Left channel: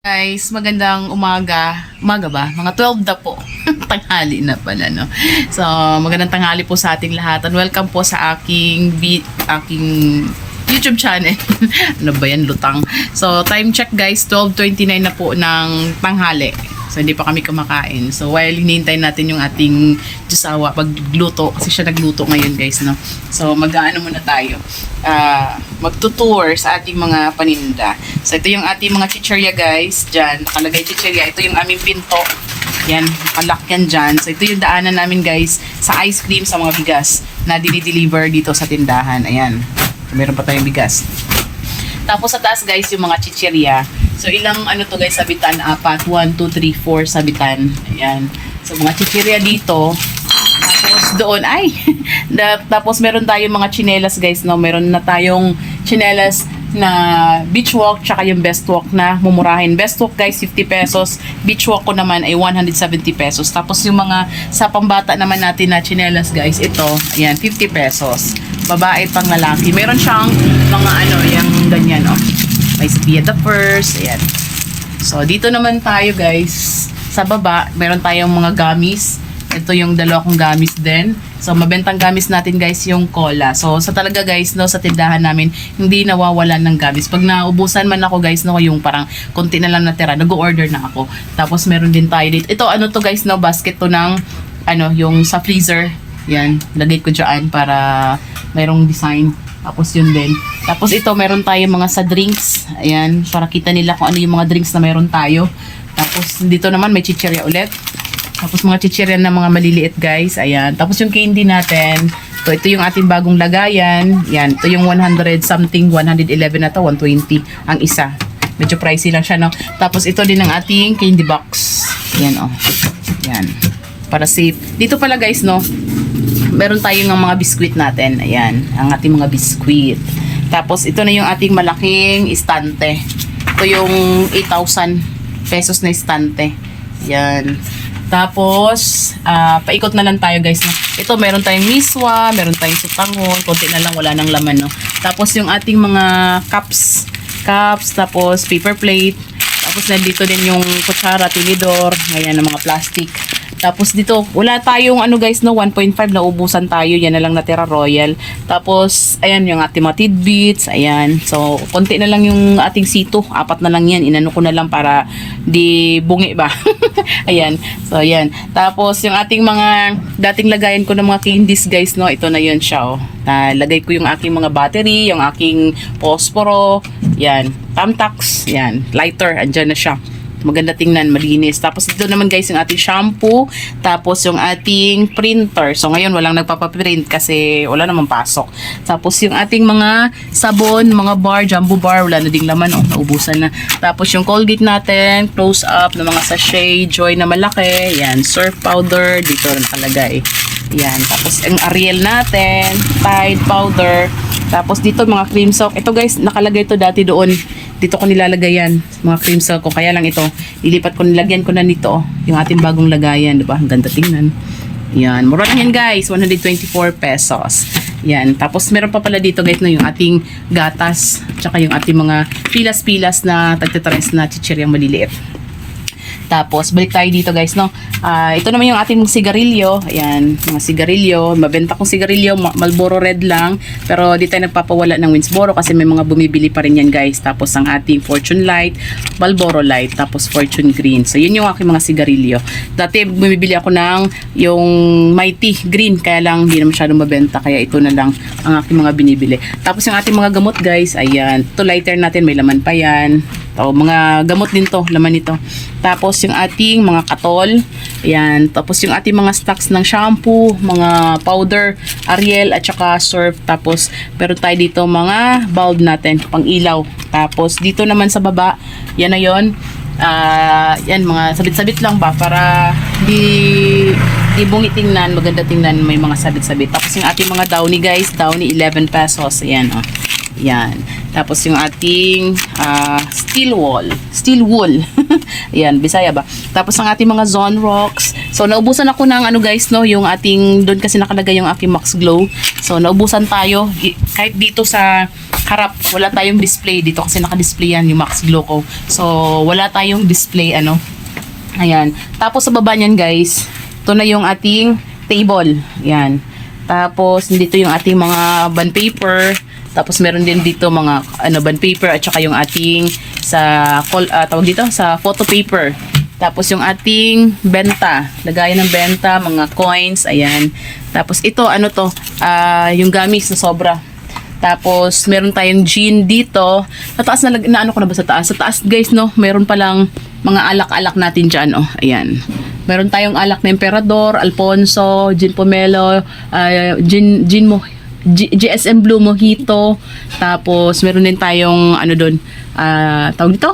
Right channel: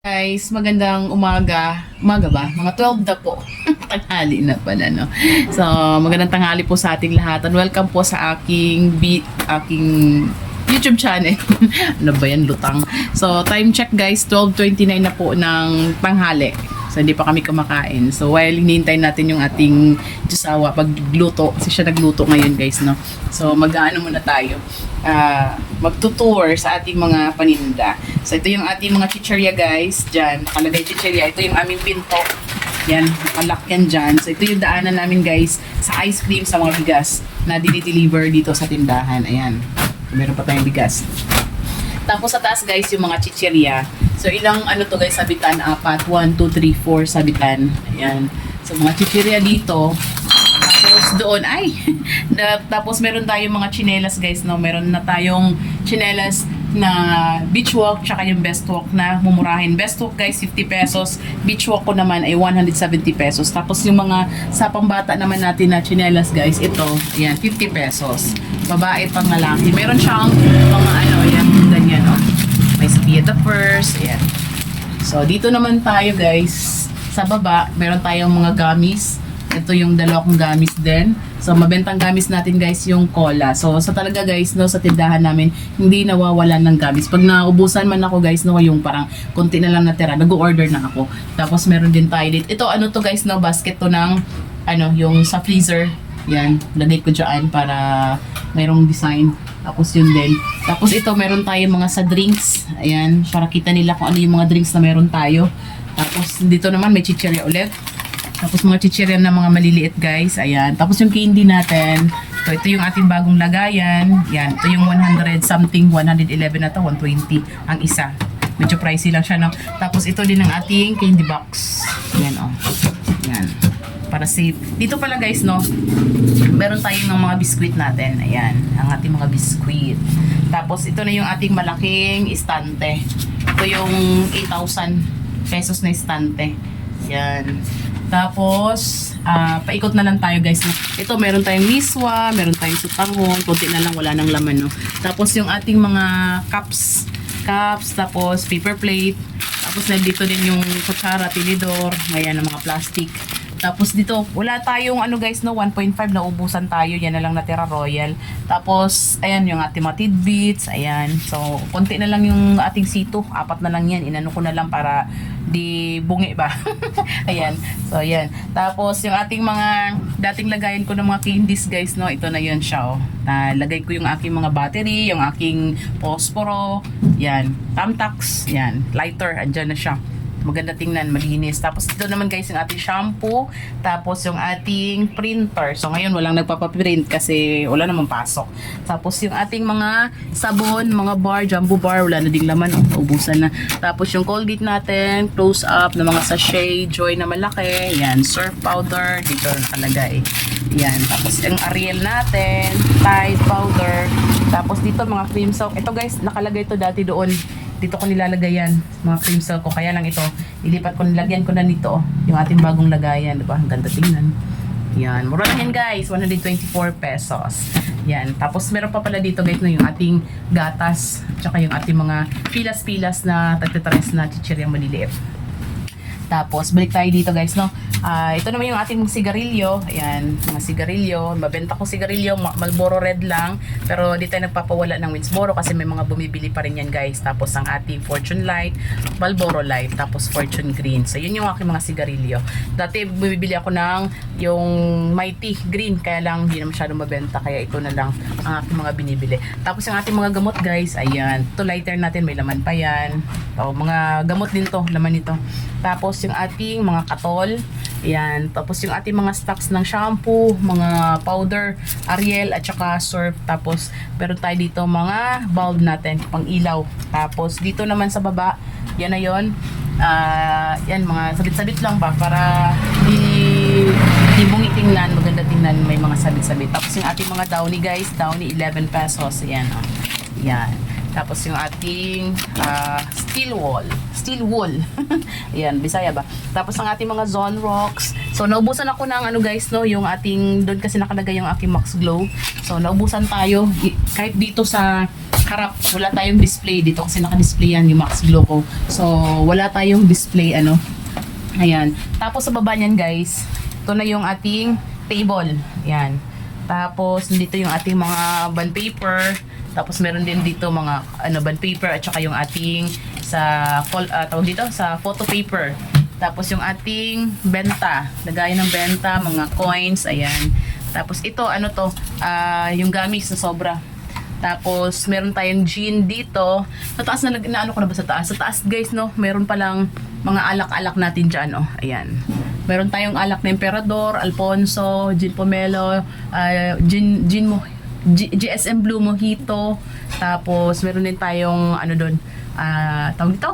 Guys, magandang umaga. Umaga ba? Mga 12 na po. tanghali na pala, no? So, magandang tanghali po sa ating lahat. And welcome po sa aking, bi- aking YouTube channel. ano ba yan? Lutang. So, time check guys. 12.29 na po ng tanghali. So, hindi pa kami kumakain. So, while hinihintay natin yung ating Diyosawa pagluto, kasi siya nagluto ngayon guys, no? So, mag-ano muna tayo. Ah, magtutour sa ating mga paninda. So, ito yung ating mga chicherya guys. Diyan, nakalagay chicherya. Ito yung aming pinto. Yan, nakalak yan dyan. So, ito yung daanan namin guys sa ice cream sa mga bigas na dinideliver dito sa tindahan. Ayan. Meron pa tayong bigas. Tapos sa taas guys, yung mga chicherya. So ilang ano to guys, sabitan? Apat. 1, 2, 3, 4 sabitan. Ayan. So mga chicherya dito. Tapos doon, ay! da, tapos meron tayong mga chinelas guys, no? Meron na tayong chinelas na beach walk, tsaka yung best walk na mumurahin. Best walk guys, 50 pesos. Beach walk ko naman ay 170 pesos. Tapos yung mga sa pambata naman natin na chinelas guys, ito, ayan, 50 pesos. Babae pang lalaki. Meron siyang mga ano, yung ganyan, oh. Via the first, ayan. So, dito naman tayo guys. Sa baba, meron tayong mga gamis. Ito yung dalawa kong gamis din. So, mabentang gamis natin guys yung cola. So, sa talaga guys, no, sa tindahan namin, hindi nawawalan ng gamis. Pag naubusan man ako guys, no, yung parang konti na lang natira, nag-order na ako. Tapos, meron din tayo dito. Ito, ano to guys, no, basket to ng, ano, yung sa freezer. Yan, lagay ko dyan para mayroong design. Tapos yun din. Tapos ito, meron tayo mga sa drinks. Ayan, para kita nila kung ano yung mga drinks na meron tayo. Tapos dito naman may chichirya ulit. Tapos mga chichirya na mga maliliit guys. Ayan. Tapos yung candy natin. Ito, ito yung ating bagong lagayan. Yan. Ito yung 100 something, 111 na to, 120 ang isa. Medyo pricey lang siya, no? Tapos ito din ang ating candy box. Yan, oh. Yan. Para safe. Dito pala guys, no? Meron tayong ng mga biskwit natin. Ayan, ang ating mga biskwit. Tapos, ito na yung ating malaking istante. Ito yung 8,000 pesos na istante. Ayan. Tapos, ah, paikot na lang tayo guys. Ito, meron tayong miswa, meron tayong sutahon, konti na lang, wala nang laman. No? Tapos, yung ating mga cups, cups, tapos paper plate, tapos nandito din yung kutsara, tinidor, ngayon ng mga plastic. Tapos dito, wala tayong ano guys no, 1.5 na ubusan tayo. Yan na lang natira Royal. Tapos, ayan yung ating mga tidbits. Ayan. So, konti na lang yung ating sito. Apat na lang yan. Inano ko na lang para di bungi ba. ayan. So, ayan. Tapos, yung ating mga dating lagayan ko ng mga candies guys no, ito na yun siya oh. Nalagay ko yung aking mga battery, yung aking posporo. Yan. Tamtax. Yan. Lighter. Andyan na siya maganda tingnan, malinis. Tapos ito naman guys yung ating shampoo, tapos yung ating printer. So ngayon walang nagpapaprint kasi wala namang pasok. Tapos yung ating mga sabon, mga bar, jumbo bar, wala na ding laman, oh, naubusan na. Tapos yung Colgate natin, close up ng mga sachet, Joy na malaki, yan, surf powder, dito rin talagay. Yan, tapos yung Ariel natin, Tide powder, tapos dito mga cream soap. Ito guys, nakalagay to dati doon dito ko nilalagay yan mga cream silk ko. Kaya lang ito ilipat ko nilagyan ko na nito yung ating bagong lagayan di ba? Ang ganda tingnan. Yan mura yan guys. 124 pesos. Yan tapos meron pa pala dito guys na yung ating gatas tsaka yung ating mga pilas-pilas na tagtataris na chichiryang maliliit tapos, balik tayo dito guys, no? Ah, ito naman yung ating sigarilyo. Ayan, mga sigarilyo. Mabenta kong sigarilyo, Ma- Marlboro Red lang. Pero di tayo nagpapawala ng Winsboro kasi may mga bumibili pa rin yan guys. Tapos, ang ating Fortune Light, Marlboro Light, tapos Fortune Green. So, yun yung aking mga sigarilyo. Dati, bumibili ako ng yung Mighty Green. Kaya lang, hindi na masyadong mabenta. Kaya ito na lang ang aking mga binibili. Tapos, yung ating mga gamot guys, ayan. Ito lighter natin, may laman pa yan. Ito, mga gamot din to, laman nito. Tapos yung ating mga katol, ayan. Tapos yung ating mga stocks ng shampoo, mga powder, Ariel at saka Surf. Tapos meron tayo dito mga bulb natin, pang ilaw. Tapos dito naman sa baba, yan na yon. Ah, yan mga sabit-sabit lang ba para di di bungi tingnan, maganda tingnan, may mga sabit-sabit. Tapos yung ating mga downy guys, downy 11 pesos. Ayan oh. Yan. Tapos yung ating ah, steel wall. Steel wool. Yan, Bisaya ba? Tapos ang ating mga zone rocks. So, naubusan ako ng ano guys, no? Yung ating, doon kasi nakalagay yung aking Max Glow. So, naubusan tayo. Kahit dito sa harap, wala tayong display dito kasi naka-display yan yung Max Gloco. So, wala tayong display ano. Ayan. Tapos sa baba niyan guys, ito na yung ating table. Ayan. Tapos dito yung ating mga bond paper. Tapos meron din dito mga ano bond paper at saka yung ating sa ah, tawag dito sa photo paper. Tapos yung ating benta, lagayan ng benta, mga coins, ayan. Tapos ito ano to, ah, yung gamis na sobra. Tapos, meron tayong gin dito. Sa taas na, na ano ko na ba sa taas? Sa taas, guys, no, meron palang mga alak-alak natin dyan, oh. Ayan. Meron tayong alak na Emperador, Alfonso, Gin Pomelo, ah, Gin, Gin Mo, G- GSM Blue Mojito. Tapos, meron din tayong, ano doon, ah, tawag dito?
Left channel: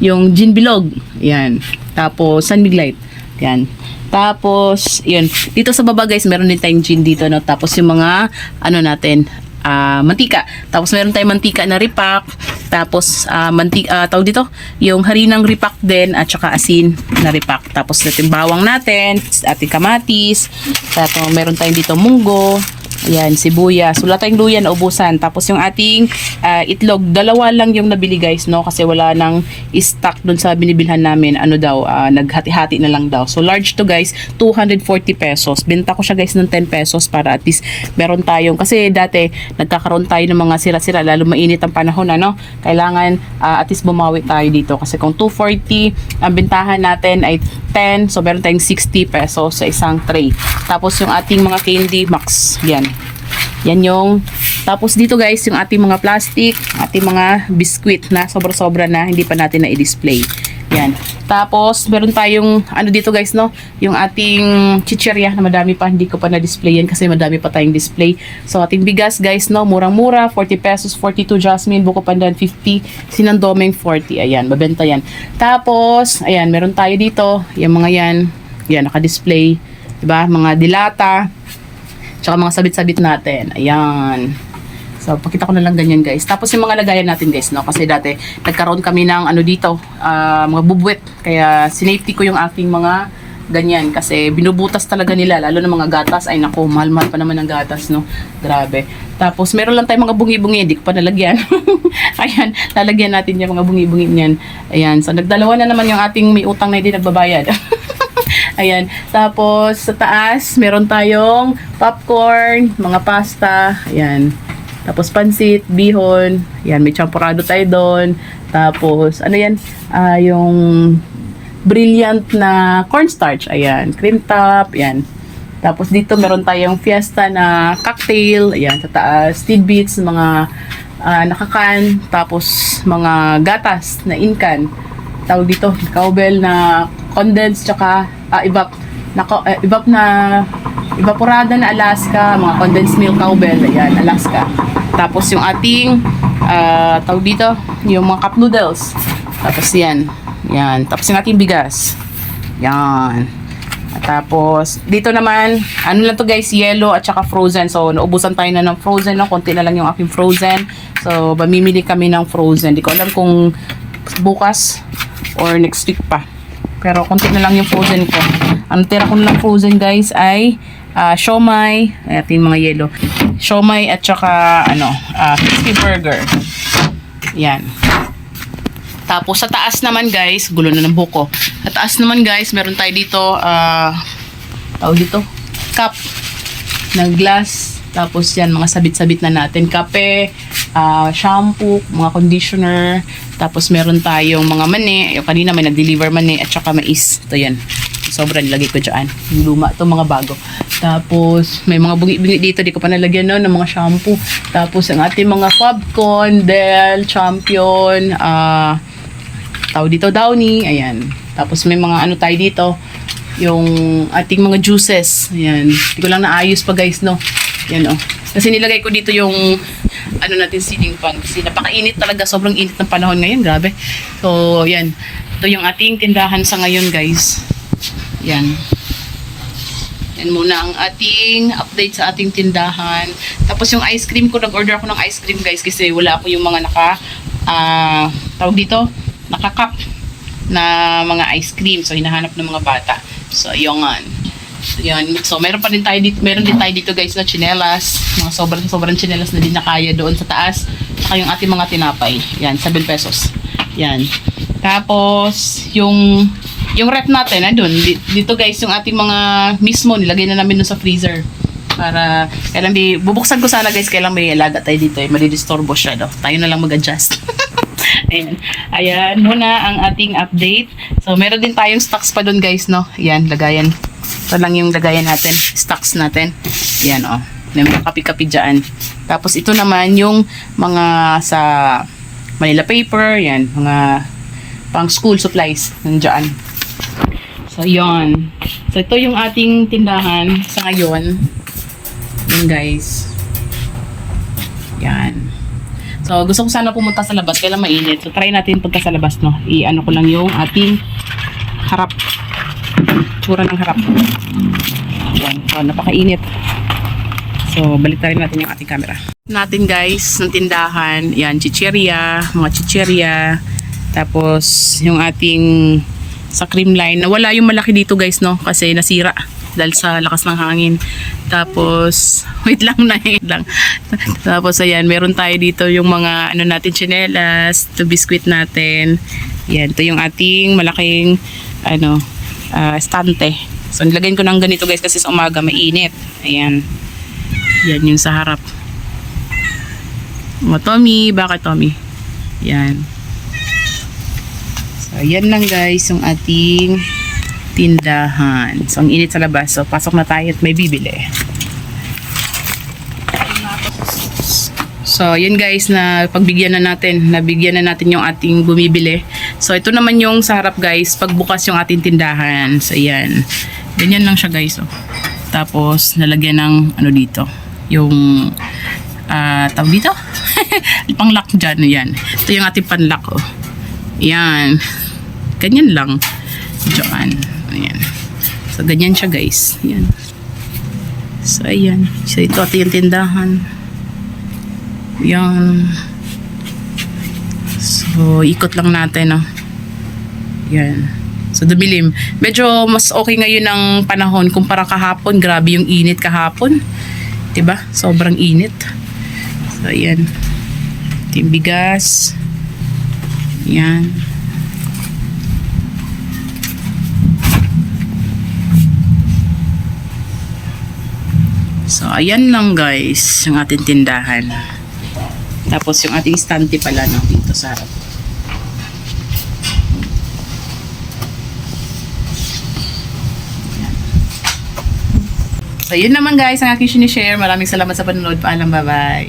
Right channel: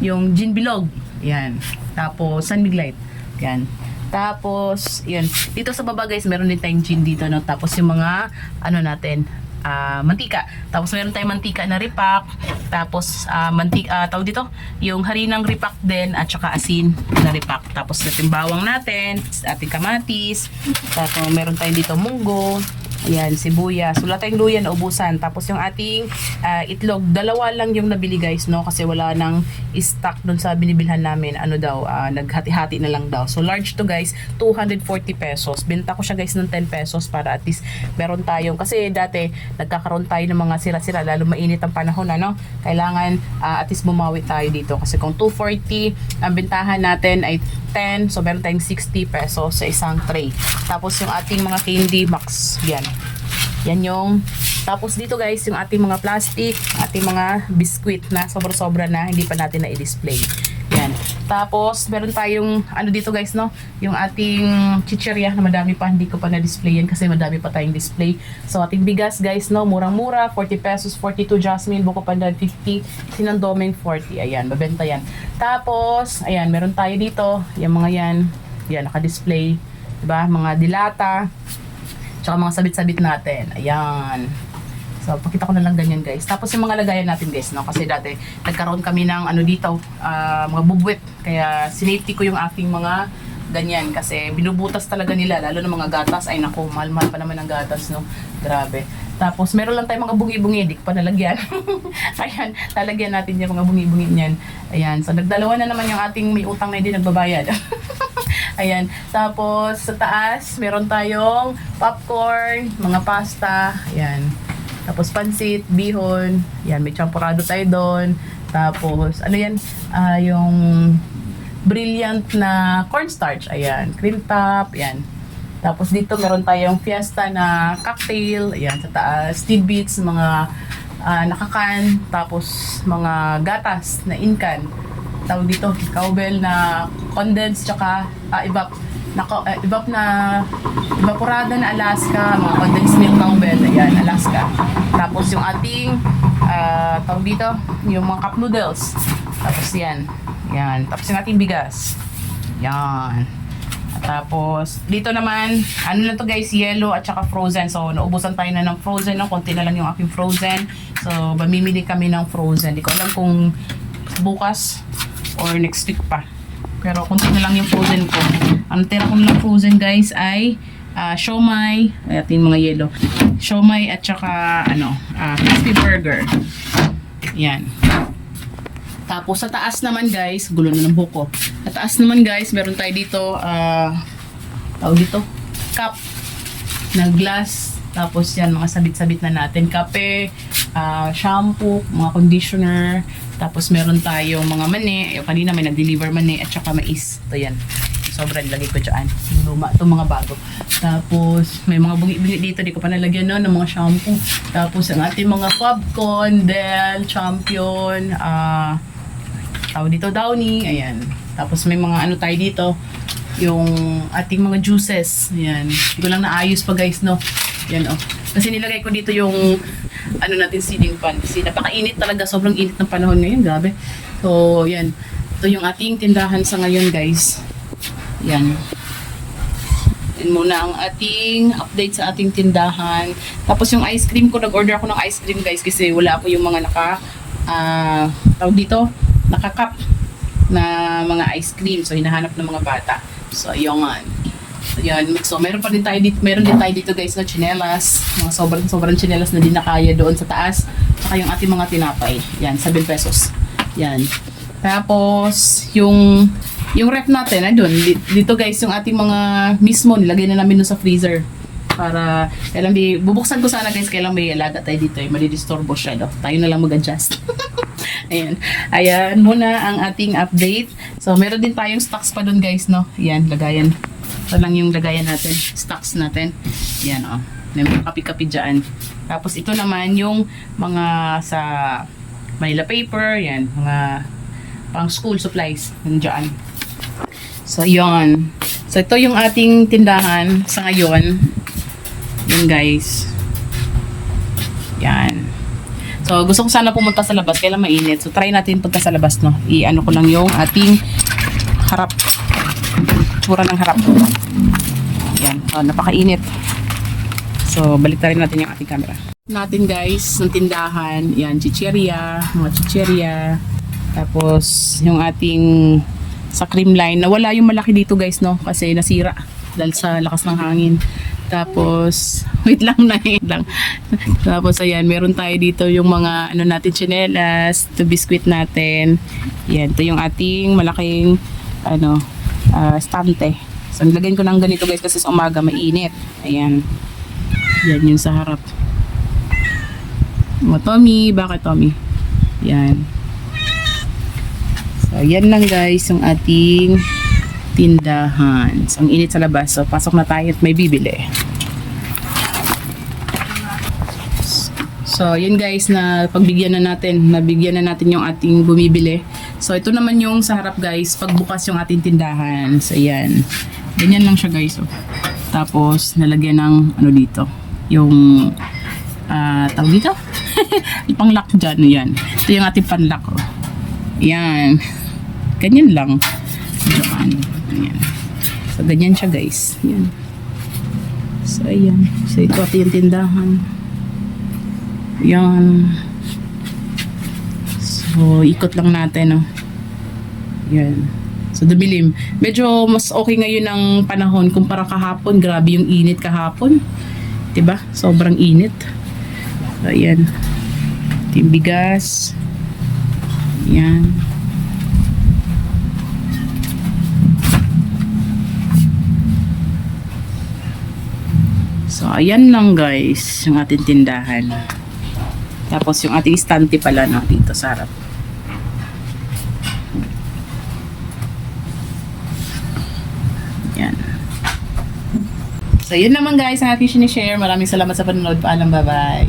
Yung Gin Bilog. Ayan. Tapos, San Mig Light. Yan. Tapos, yun. Dito sa baba guys, meron din tayong gin dito. No? Tapos yung mga, ano natin, ah, mantika. Tapos meron tayong mantika na ripak. Tapos, ah, mantika, tawag dito, yung harinang ripak din at saka asin na ripak. Tapos natin bawang natin, ating kamatis. Tapos meron tayong dito munggo. Ayan, sibuyas. Wala tayong luya na ubusan. Tapos yung ating ah, itlog, dalawa lang yung nabili guys, no? Kasi wala nang stock dun sa binibilhan namin. Ano daw, ah, naghati-hati na lang daw. So large to guys, 240 pesos. Benta ko siya guys ng 10 pesos para at least meron tayong, kasi dati nagkakaroon tayo ng mga sira-sira, lalo mainit ang panahon, ano? Kailangan ah, at least bumawi tayo dito. Kasi kung 240, ang bentahan natin ay 10, so meron tayong 60 pesos sa isang tray. Tapos yung ating mga candy max, yan. Yan yung, tapos dito guys, yung ating mga plastic, ating mga biscuit na sobra-sobra na hindi pa natin na-display. Yan. Tapos, meron tayong, ano dito guys, no? Yung ating chicherya na madami pa, hindi ko pa na-display yan kasi madami pa tayong display. So, ating bigas guys, no? Murang-mura, 40 pesos, 42 jasmine, buko pandan, 50, sinandomeng 40. Ayan, mabenta yan. Tapos, ayan, meron tayo dito, yung mga yan, yan, naka-display. Diba? Mga dilata, Tsaka mga sabit-sabit natin. Ayan. So, pakita ko na lang ganyan guys. Tapos yung mga lagayan natin guys, no? Kasi dati, nagkaroon kami ng ano dito, ah, mga bubwet. Kaya, sinafety ko yung aking mga ganyan. Kasi binubutas talaga nila, lalo na mga gatas. Ay naku, mahal-mahal pa naman ang gatas, no? Grabe. Tapos, meron lang tayong mga bungi-bungi. Ko pa nalagyan. Ayan, lalagyan natin yung mga bungi-bungi niyan. Ayan. So, nagdalawa na naman yung ating may utang na hindi nagbabayad. Ayan. Tapos, sa taas, meron tayong popcorn, mga pasta. Ayan. Tapos, pansit, bihon. Ayan, may champurado tayo doon. Tapos, ano yan? Ah, yung brilliant na cornstarch. Ayan. Cream top. Ayan. Tapos, dito meron tayong fiesta na cocktail. Ayan, sa taas. Tidbits, mga ah, nakakan. Tapos, mga gatas na inkan tawag dito, cowbell na condensed tsaka ah, evap na eh, evap na evaporada na Alaska, mga condensed milk cowbell, ayan, Alaska. Tapos yung ating ah, tawag dito, yung mga cup noodles. Tapos yan. Yan. Tapos yung ating bigas. Yan. At Tapos, dito naman, ano lang to guys, yellow at saka frozen. So, naubusan tayo na ng frozen, no? konti na lang yung aking frozen. So, mamimili kami ng frozen. Di ko alam kung bukas or next week pa. Pero konti na lang yung frozen ko. Ang tira ko na lang frozen guys ay ah, siomay, ito yung mga yellow. Siomay at saka ano, ah, crispy burger. Yan. Tapos sa taas naman guys, gulo na ng buko. Sa taas naman guys, meron tayo dito, ah, tawag dito, cup ng glass. Tapos yan, mga sabit-sabit na natin. Kape, ah, shampoo, mga conditioner. Tapos meron tayong mga mani. Yung kanina may nag-deliver mani at saka mais. Ito yan. Sobrang nilagay ko dyan. Yung luma. Ito mga bago. Tapos may mga bungi-bungi dito. Di ko pa nalagyan no, ng mga shampoo. Tapos ang ating mga Fabcon, Del, Champion, ah, tao dito Downy, ayan. Tapos may mga ano tayo dito, yung ating mga juices. Ayan. Hindi ko lang naayos pa guys, no. Yan oh. Kasi nilagay ko dito yung ano natin ceiling fan kasi napakainit talaga, sobrang init ng panahon ngayon, grabe. So, yan. Ito yung ating tindahan sa ngayon, guys. Yan. Yan muna ang ating update sa ating tindahan. Tapos yung ice cream ko, nag-order ako ng ice cream guys kasi wala ako yung mga naka, ah, tawag dito, naka-cup na mga ice cream. So, hinahanap ng mga bata. So, yung So, yan. So, meron pa rin tayo dito, meron din tayo dito guys na chinelas. Mga sobrang sobrang chinelas na din na kaya doon sa taas. Saka yung ating mga tinapay. Yan, 7 pesos. Yan. Tapos, yung yung rep natin, ay di- dito guys, yung ating mga mismo, nilagay na namin sa freezer. Para, kailan di, bubuksan ko sana guys, kailan may alaga tayo dito, eh, madidisturbo siya, no? Tayo na lang mag-adjust. Ayan. Ayan, muna ang ating update. So, meron din tayong stocks pa dun guys, no? Ayan, lagayan. Ito lang yung lagayan natin, stocks natin. Ayan, oh. May mga kapi-kapi dyan. Tapos, ito naman yung mga sa Manila paper, yan, mga pang school supplies, nandiyan. So, yon. So, ito yung ating tindahan sa ngayon. Yan, guys. Yan. So, gusto ko sana pumunta sa labas, kailan mainit. So, try natin punta sa labas, no? I-ano ko lang yung ating harap. Tsura ng harap. Yan. So, napakainit. So, balik natin yung ating camera. Natin, guys, ng tindahan. Yan, chicheria, mga chicheria. Tapos, yung ating sa cream line. Nawala yung malaki dito, guys, no? Kasi nasira dahil sa lakas ng hangin. Tapos, wait lang na wait lang. Tapos, ayan, meron tayo dito yung mga, ano natin, chinelas, to biscuit natin. Yan, ito yung ating malaking, ano, ah, estante. So, nilagyan ko ng ganito, guys, kasi sa umaga, mainit. Ayan. Yan yung sa harap. O, Tommy, bakit Tommy? Yan. So, yan lang guys, yung ating tindahan. So, ang init sa labas. So, pasok na tayo at may bibili. So, yun guys, na pagbigyan na natin, nabigyan na natin yung ating bumibili. So, ito naman yung sa harap guys, pagbukas yung ating tindahan. So, yan. Ganyan lang siya guys. Oh. Tapos, nalagyan ng ano dito, yung ah tawag dito? Pang-lock dyan, yan. Ito yung ating pan-lock, oh. Yan. Ganyan lang. Diyan. Ayan. So, ganyan siya, guys. Yan. So, ayan. So, ito yung tindahan. Yan. So, ikot lang natin, oh. Yan. So, dumilim. Medyo mas okay ngayon ang panahon kumpara kahapon. Grabe yung init kahapon. ba? Sobrang init. So, ayan. Ito yung bigas. Yan. So, ayan lang guys, yung ating tindahan. Tapos yung ating stante pala no, dito sa harap. Yan. So, yun naman guys ang aking sinishare. Maraming salamat sa panonood. Paalam, bye-bye.